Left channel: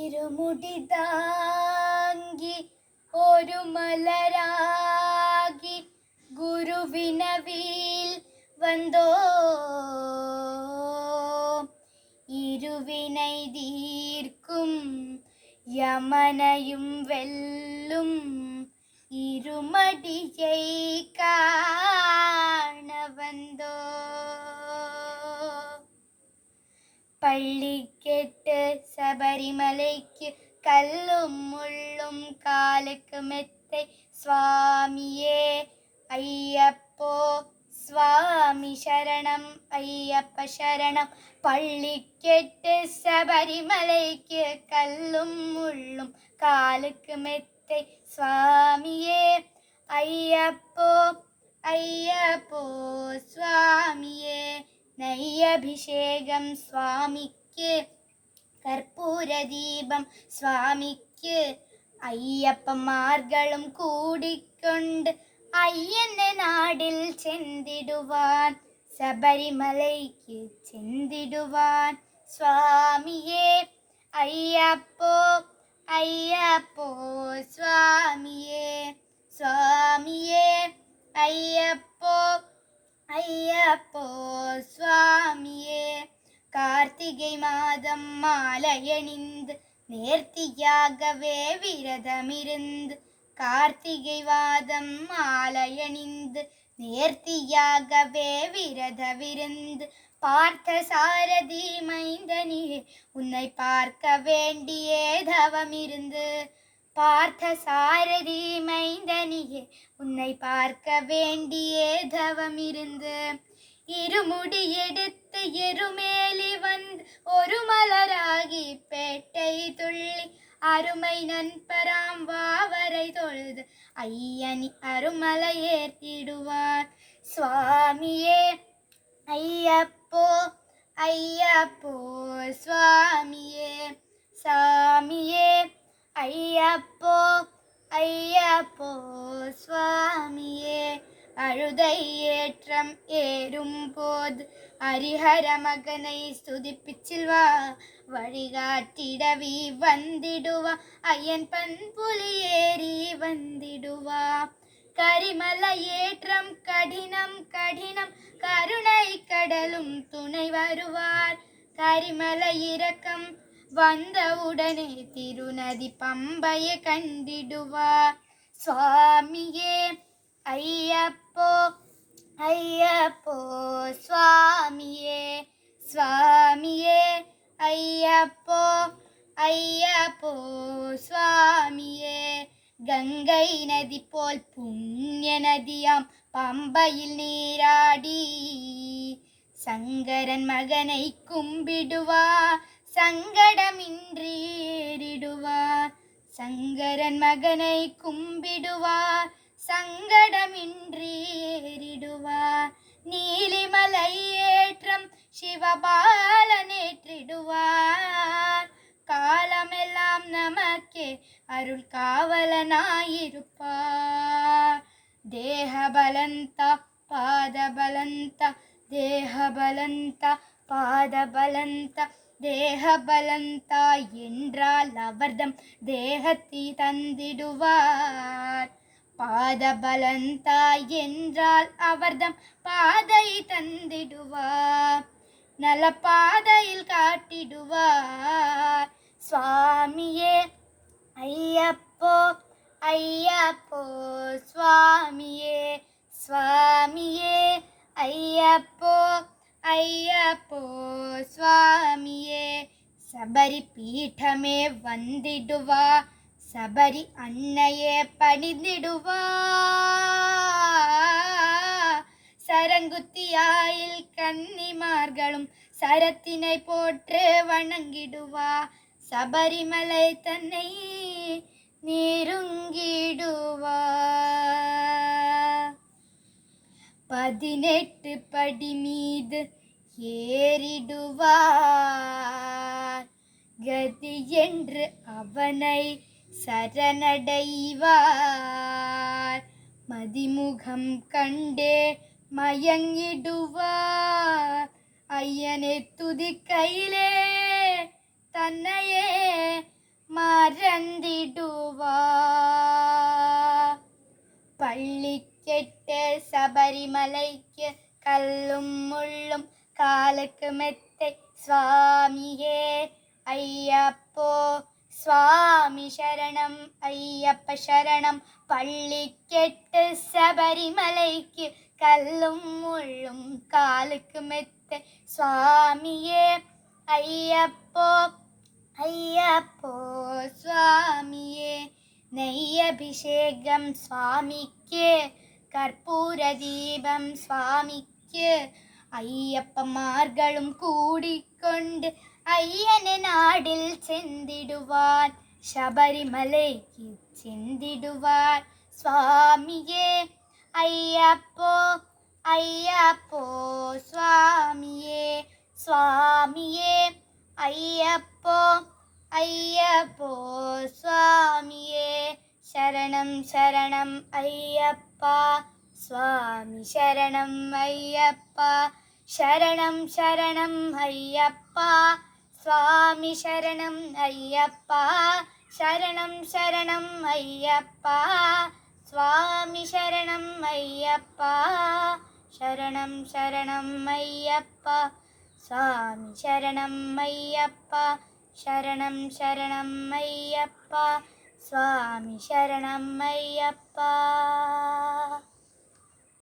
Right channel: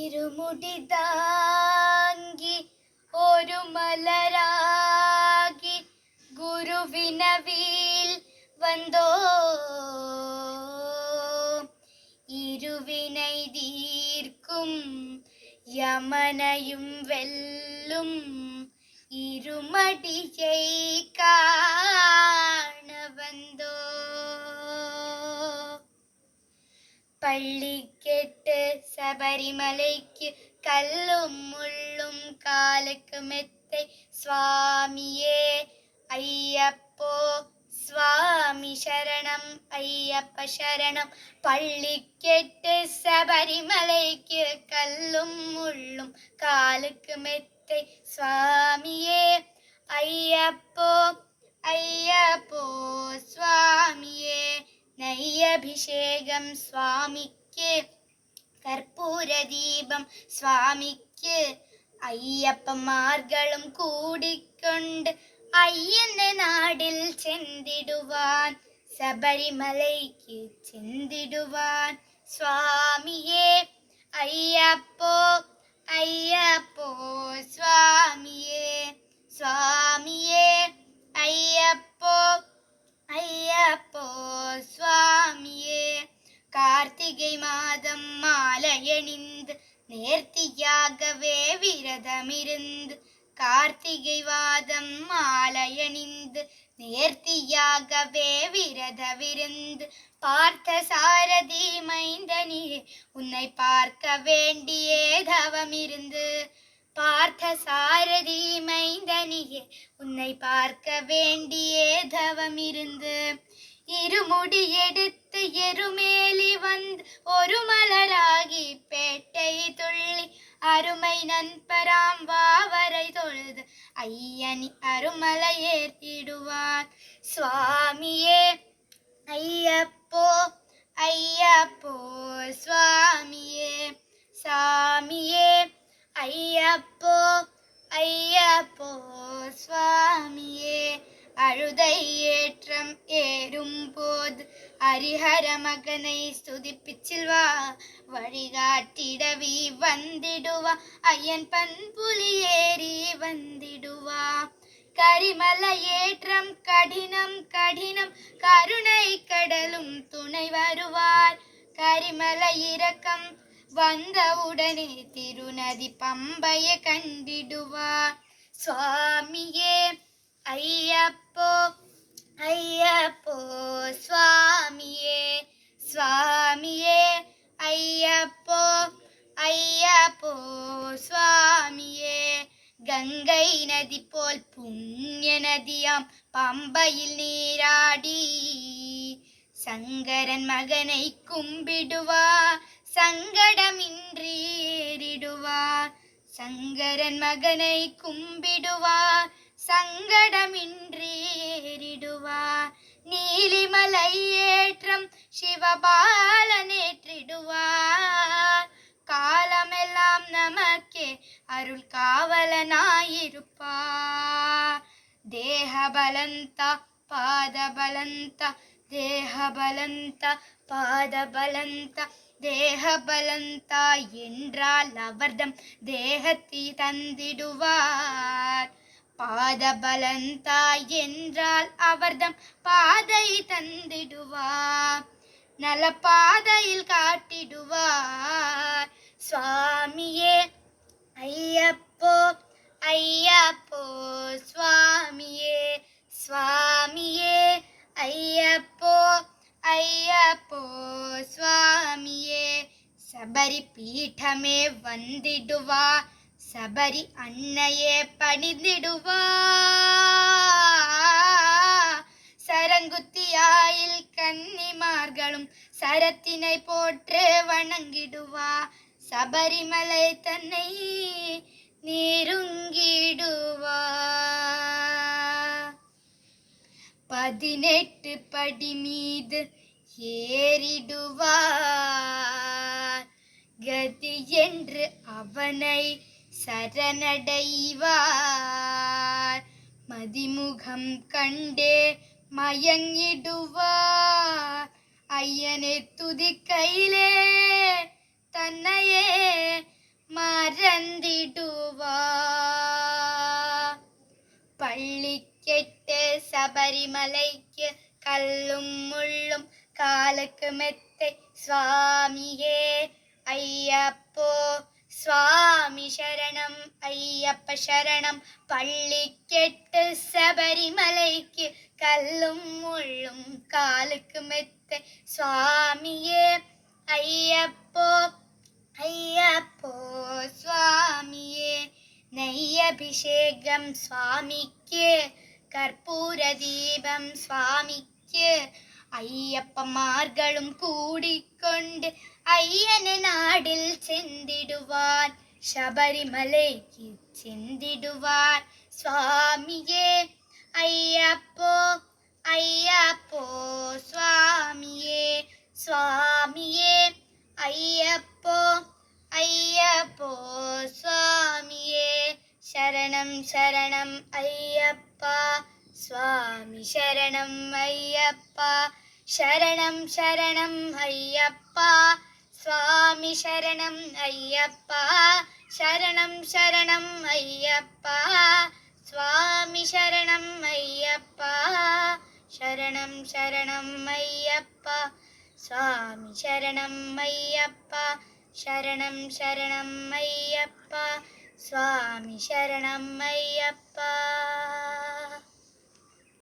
ഇരുമുടി താങ്ങി ഒരു മലരാകി ഗുരുവിനവിൽ വந்தோ ഇരുവിனை தீர்க்கும் யமனையும் வெல்லும் இருமடியை காண வந்தோ பள்ளிக்கெட்டு சபரிமலைக்கு கல்லும் முள்ளும் காலுக்கு மெத்தை சுவாமியே ஐயப்போ சுவாமி சரணம் ஐயப்ப சரணம் பள்ளிக்கெட்டு சபரிமலைக்கு கல்லும் முள்ளும் காலுக்கு மெத்தை சுவாமியே ஐயப்போ ஐயப்போ சுவாமியே നയ്യഭിഷേകം സ്വാമിക്ക് കർപ്പൂരദീപം സ്വാമിക്ക് അയ്യപ്പന്മാർകളും കൂടിക്കൊണ്ട് അയ്യന്റെ നാടിൽ ചെന്നിടുവാൻ ശബരിമലയ്ക്ക് ചെന്നിടുവാൻ സ്വാമിയെ അയ്യപ്പോ അയ്യപ്പോ സ്വാമിയെ സ്വാമിയെ അയ്യപ്പോ ஐயப்போ சுவாமியே கார்த்திகை மாதம் மாலையணிந்து நேர்த்தியாகவே விரதமிருந்து கார்த்திகை மாதம் மாலையணிந்து நேர்த்தியாகவே விரதமிருந்து பார்த்த சாரதி மைந்தனியே உன்னை பார்க்க வேண்டியே தவமிருந்து பார்த்த சாரதி மைந்தனியே உன்னை பார்க்க வேண்டியே தவமிருந்து இருமுடி எடுத்து எருமேலி வந்து ஒரு மலராகி பேட்டை துள்ளி அருமை நண்பராம் வாவரை தொழுது ஐயனி அருமலை ஏற்றிடுவான் சுவாமியே ஐயப்போ ஐயப்போ சுவாமியே சாமியே ஐயப்போ ஐயப்போ சுவாமியே அழுதை ஏற்றம் ஏறும்போது ஹரிஹர மகனை ஸ்துதிப்பிச்சில் வா வழிகாட்டிடவி வந்திடுவா ஐயன் பண்புலி ஏறி வந்திடுவா கரிமலை ஏற்றம் கடினம் கடினம் கருணை கடலும் துணை வருவார் கரிமலை இறக்கம் வந்தவுடனே திருநதி பம்பையை கண்டிடுவார் சுவாமியே ஐயப்போ ஐயப்போ சுவாமியே சுவாமியே ஐயப்போ ஐயப்போ சுவாமியே கங்கை நதி போல் புண்ணிய நதியாம் பம்பையில் நீராடி சங்கரன் மகனை கும்பிடுவார் சங்கடமின்றி ஏறிடுவார் சங்கரன் மகனை கும்பிடுவார் சங்கடமின்றி ஏறிடுவார் நீலிமலை ஏற்றம் சிவபாலனேற்றிடுவார் காலமெல்லாம் நமக்கே அருள் காவலனாயிருப்பார் தேகபலந்த பாதபலந்த தேகபலந்த பாதபலந்த தேகபலந்தா என்றால் அவர்தம் தேகத்தை தந்திடுவார் பாதபலந்தா என்றால் அவர்தம் பாதை தந்திடுவார் நல பாதையில் காட்டிடுவார் சுவாமியே ஐயப்போ ஐயப்போ சுவாமியே சுவாமியே ஐயப்போ ஐயப்போ சுவாமியே சபரி பீഠமே வந்திடுவா சபரி அன்னையே பணிந்திடுவா சரங்குத்தியாயில் கன்னிமார்களும் சரத்தினை போற்று வணங்கிடுவா சபரிமலை தன்னை நெருங்கிடுவா 18 படி மீது ஏறிடுவார் கதி என்று அவனை சரணடைவார் மதிமுகம் கண்டே மயங்கிடுவார் ஐயனை துதிக்கையிலே தன்னையே சபரிமலைக்கு கல்லும் முள்ளும் காலுக்கு மெத்தை சுவாமியே ஐயப்போ சுவாமி சரணம் ஐயப்ப சரணம் பள்ளிக்கெட்டு சபரிமலைக்கு கல்லும் முள்ளும் காலுக்கு மெத்தை சுவாமியே ஐயப்போ ஐயப்போ சுவாமியே நெய்யபிஷேகம் சுவாமிக்கு கற்பூர தீபம் சுவாமிக்கு ஐயப்பமார்களும் கூடிக்கொண்டு ஐயன நாடில் செந்திடுவார் சபரிமலைக்கு செந்திடுவார் சுவாமியே ஐயப்போ ஐயப்போ சுவாமியே சுவாமியே ஐயப்போ ஐயப்போ சுவாமியே சரணம் சரணம் ஐயப்பா சுவாமி சரணம் ஐயப்பா சரணம் சரணம் ஐயப்பா சுவாமி சரணம் ஐயப்பா சரணம் சரணம் ஐயப்பா சுவாமி சரணம் ஐயப்பா சரணம் சரணம் ஐயப்பா சுவாமி சரணம் ஐயப்பா சரணம் சரணம் ஐயப்பா சுவாமி சரணம் ஐயப்பா.